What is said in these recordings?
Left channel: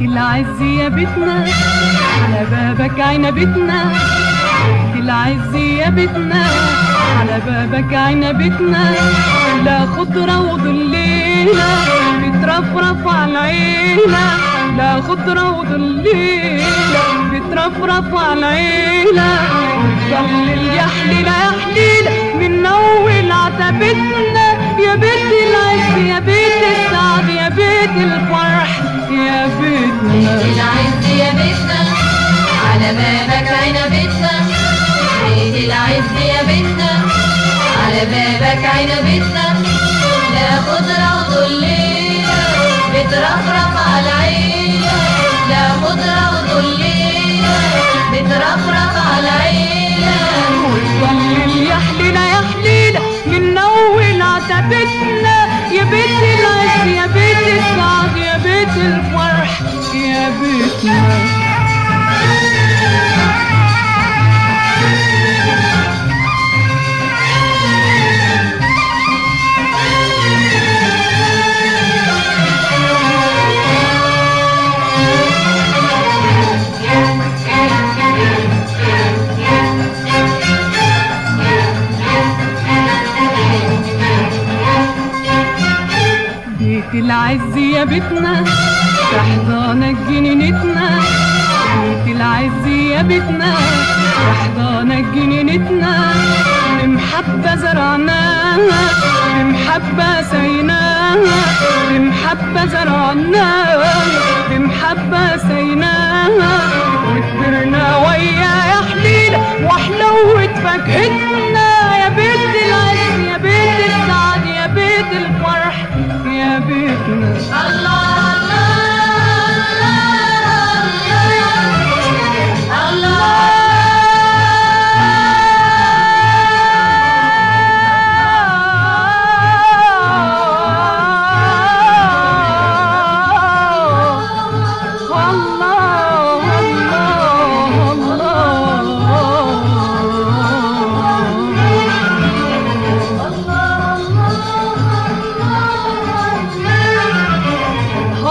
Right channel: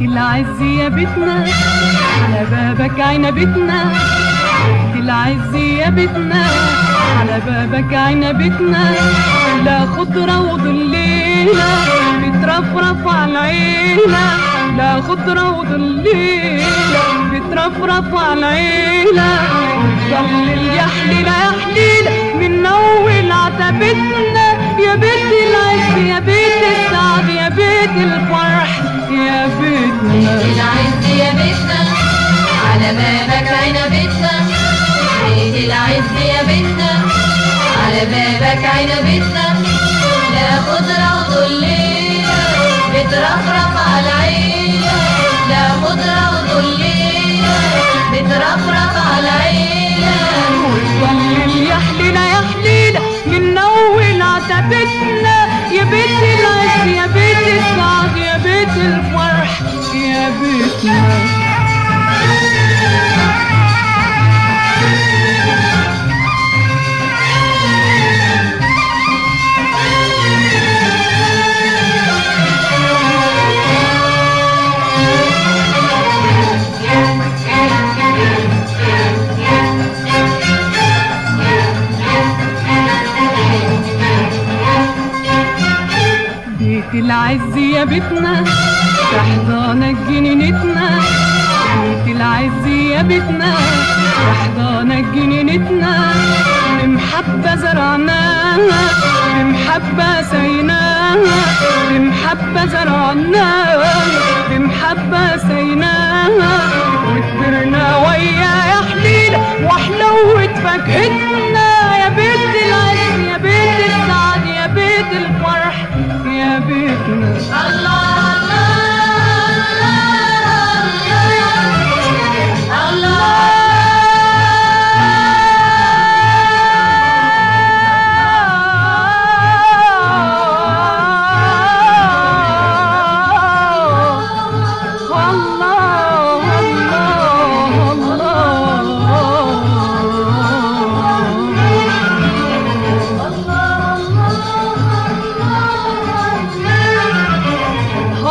العز يا بيتنا على بابك عنبتنا، العز يا بيتنا على بابك عنبتنا، لا خضرة وظليلة بترفرف على العيلة، لا خضرة وظليلة بترفرف على العيلة، وتضلل يا حليلة يا حليلة من أول عتبتنا، يا بيت العز يا بيت السعد يا بيت الفرح يا بيتنا. العز يا بيتنا على بابك عنبتنا، بيت العز يا بيتنا على بابك عنبتنا، لا خضرة وظليلة بترفرف على العيلة، لا خضرة وظليلة بترفرف على العيلة، وتضلل يا حليلة يا حليلة من أول عتبتنا، يا بيت العز يا بيت السعد يا بيت الفرح يا بيتنا. بيت العز يا بيتنا تحضانك جنينتنا، بيت العز يا بيتنا تحضانك جنينتنا، بمحبة زرعناها بمحبة سيناها، بمحبة زرعناها بمحبة سيناها، وكبرنا ويا يا حليلة وحلوة فاكهتنا، يا بيت العز يا بيت السعد يا بيت الفرح يا بيتنا.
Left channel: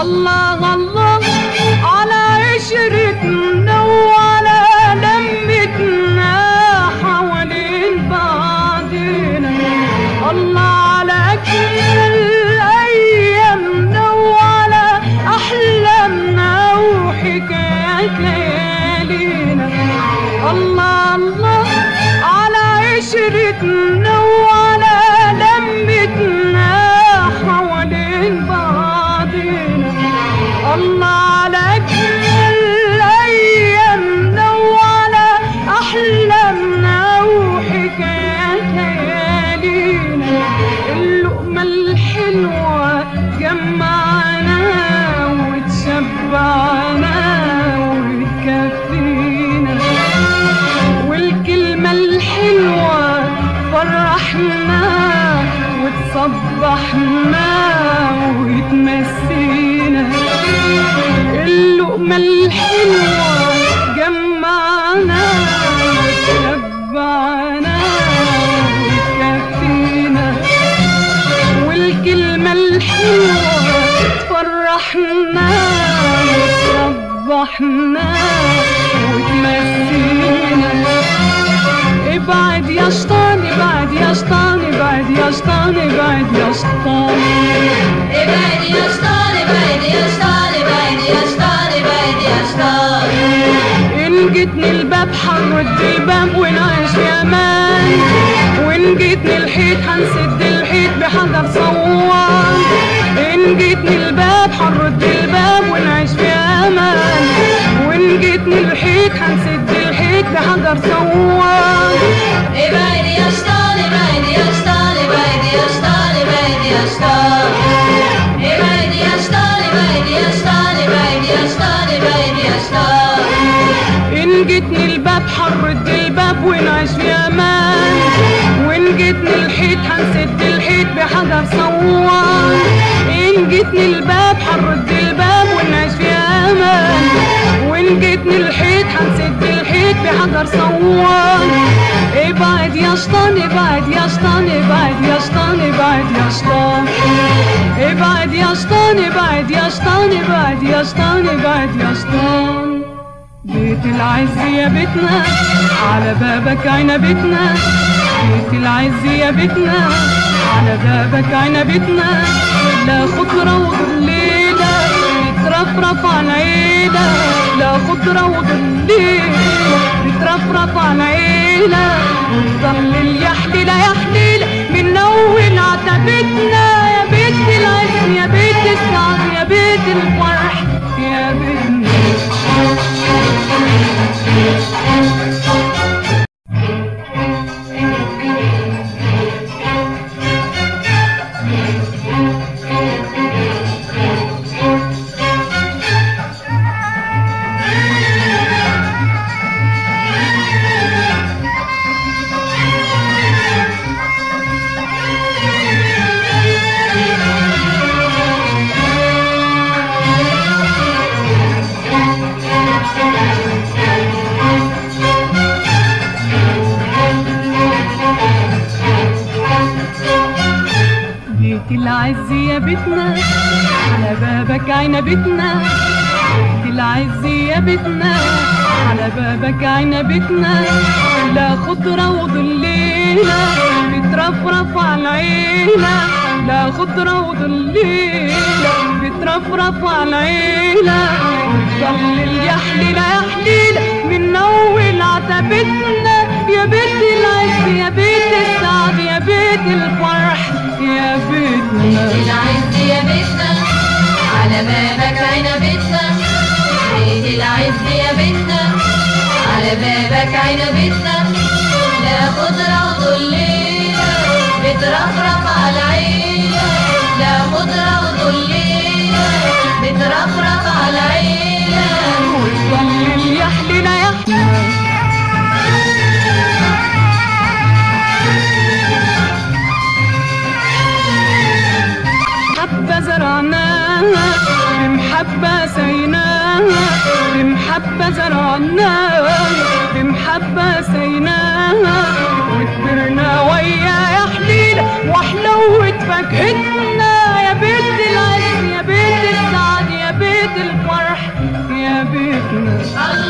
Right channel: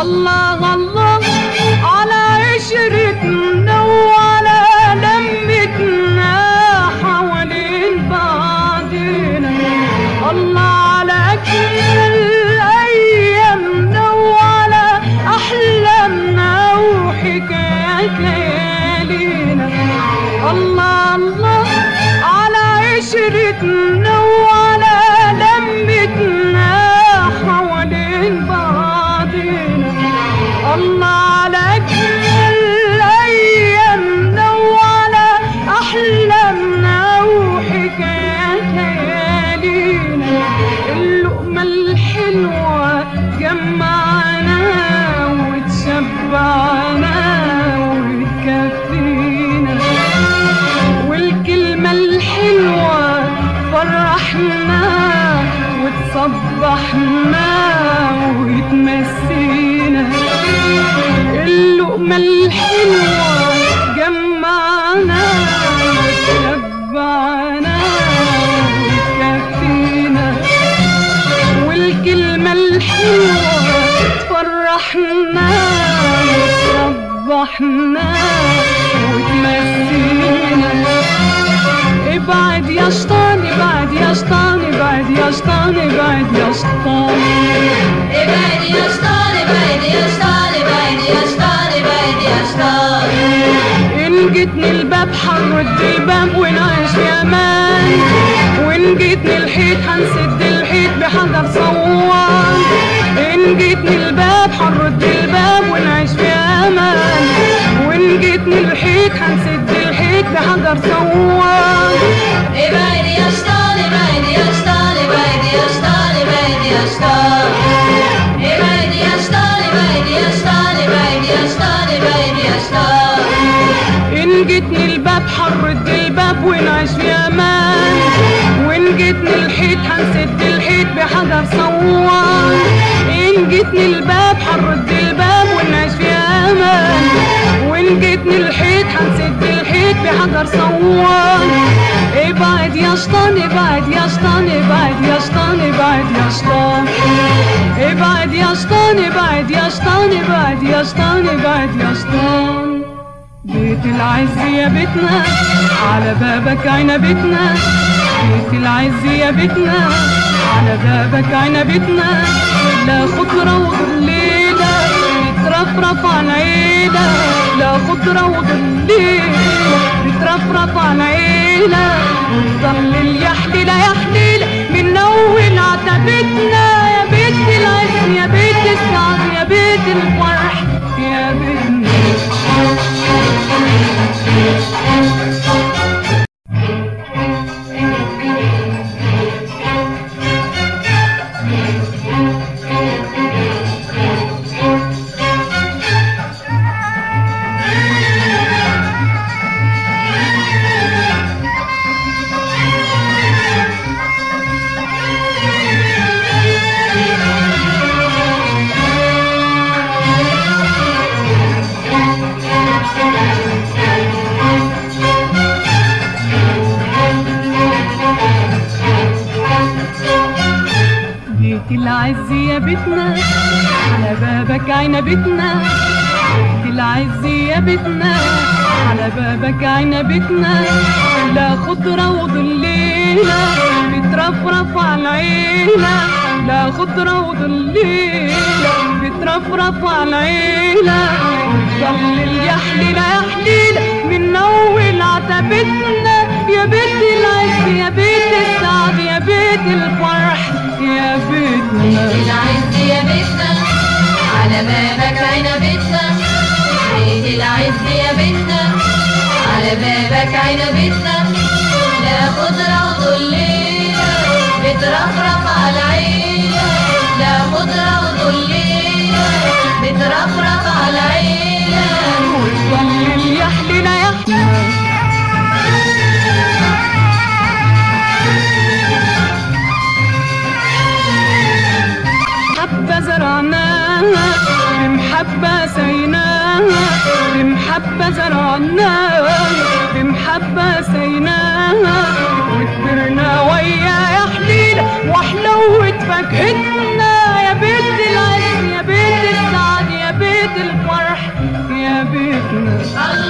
الله الله الله على عشرتنا وعلى لمتنا حوالين بعضنا، الله على أجمل أيامنا وعلى أحلامنا وحكايات ليالينا، الله الله على عشرتنا وعلى لمتنا حوالين بعضنا، الله على أجمل أيامنا وعلى أحلامنا وحكايات ليالينا، اللقمة الحلوة جمعنا وتشبعنا وتكفينا، والكلمة الحلوة فرحنا وتصبحنا وتمسينا، اللقمة الحلوة جمعنا وتشبعنا وتكفينا، والكلمة الحلوة فرحنا وتصبحنا وتمسينا، ابعد يا شيطان ابعد يا شيطان ابعد يا شيطان ابعد يا شيطان، ابعد يا شيطان ابعد يا شيطان ابعد يا شيطان ابعد يا شيطان، إن جيتني الباب حنرد الباب ونعيش في أمان، وإن جيتني الحيط هنسد الحيط بحجر صوان، إن جيتني الباب حنرد الباب ونعيش في أمان، وإن جيتني الحيط هنسد الحيط بحجر صوان، ابعد يا شيطان ابعد يا شيطان ابعد يا شيطان ابعد يا شيطان، ابعد يا شيطان ابعد يا شيطان ابعد يا شيطان ابعد يا شيطان، إن جيتني الباب حنرد الباب ونعيش في أمان، وإن جيتني الحيط هنسد الحيط بحجر صوان، إن جيتني الباب حنرد الباب ونعيش في أمان، وإن جيتني الحيط هنسد الحيط بحجر صوان، ابعد يا شيطان ابعد يا شيطان ابعد يا شيطان ابعد يا شيطان، ابعد يا شيطان شطان ابعد يا شطان ابعد يا شطان ابعد يا شطان. بيت العز يا بيتنا على بابك عنبتنا، بيت العز يا بيتنا على بابك عنبتنا، لا خضرة وظليلة بترفرف على عيلة، لا خضرة وظليلة بترفرف على عيلة، وتظلل يا حليلة يا حليلة من أول عتبتنا، يا بيت العز يا بيت السعد يا بيت الفرح يا بيتنا. بيت العز يا بيتنا على بابك عنبتنا، بيت العز يا بيتنا على بابك عنبتنا، لا خضرة وظليلة بترفرف على العيلة، لا خضرة وظليلة بترفرف على العيلة، وتظلل يا حليلة يا حليلة من أول عتبتنا، يا بيت العز يا بيت السعد يا بيت الفرح يا بيتنا. بيت العز يا بيتنا على بابك عنبتنا، بيت العز يا بيتنا على بابك عنبتنا، لا خضرة وظليلة بترفرف على العيلة، لا خضرة وظليلة بترفرف على العيلة، وتظلل يا حليلة يا حليلة حبة زرعناها بمحبة سيناها، بمحبة زرعناها بمحبة سيناها، وكبرنا ويا يا حليلة وحلوة فاكهتنا، يا بيت العز يا بيت السعد يا بيت الفرح يا بيتنا.